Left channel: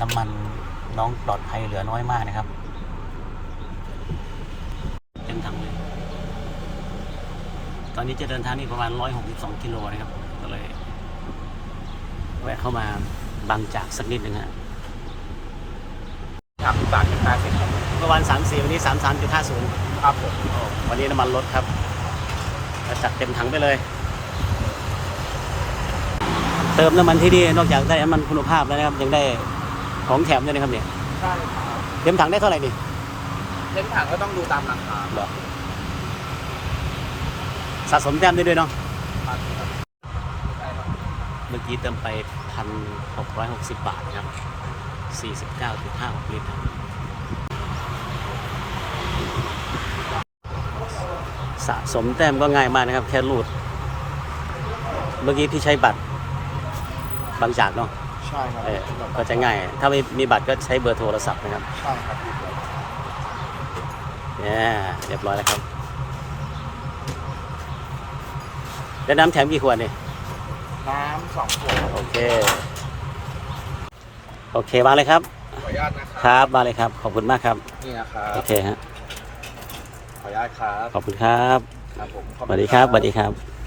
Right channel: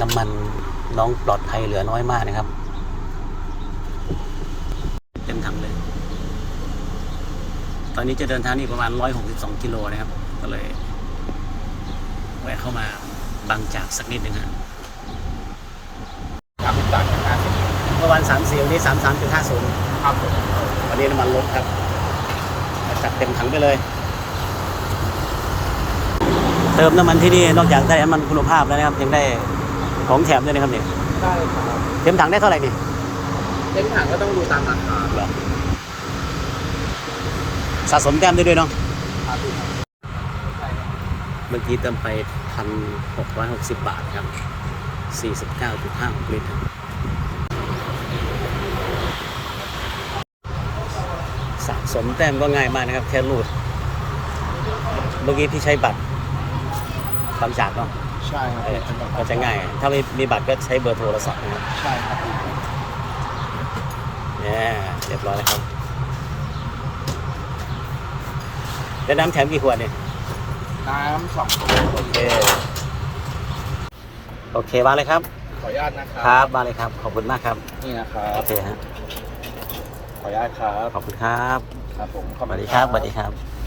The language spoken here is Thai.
น้ำมันน้องปลอดภัยเหลือน้อยมากนะครับ เต็มถังเลย ตอนนี้จะเดินทางนี่ประมาณ 162 กิโลนะครับ ก็เลยแวะเข้ามาบางจากสักนิดหนึ่งฮะสามสิบบาทห้าสิบเมื่อวัน3 4วันนี้33.50ครับผมวันนี้น้ำมันลดครับแล้วจัดเต็มถังไปเลย เติมน้ำมันที่นี่นอกจากได้น้ำมันคุณภาพแล้วนะครับยังได้ ของแถมด้วยนะครับเนี่ยใช่เต็มถังได้เท่าไหร่นี่เต็มถังก็ต้องดูตามราคาเหรอสะสมแต้มได้ด้วยเนาะครับพี่ครับใช่ครับเมื่อกี้เติมไปพันหกร้อยหกสิบบาทครับสี่สิบเก้าจุดห้าหกลิตรครับสะสมแต้มก็ง่ายมากนะครับ แค่รูด เมื่อกี้พี่ใช้บัตรบางจากเนาะ ใช่ครับเออก็จะง่าย ถ้าไม่มีบัตรก็ใช้เบอร์โทรศัพท์นะครับใช่ครับเนี่ยเรียบร้อยแล้วครับได้น้ำแถมกี่ขวดเนี่ยน้ำสองตัวโอเคโอเคมาเลยครับ ขออนุญาตนะคครัรับมาเลยครับขอบคุณมากครับนี่นะครับโอเคฮะขออนุญาตครับขอบคุณครับครับผมสวัสดีครับสวัสดีครับ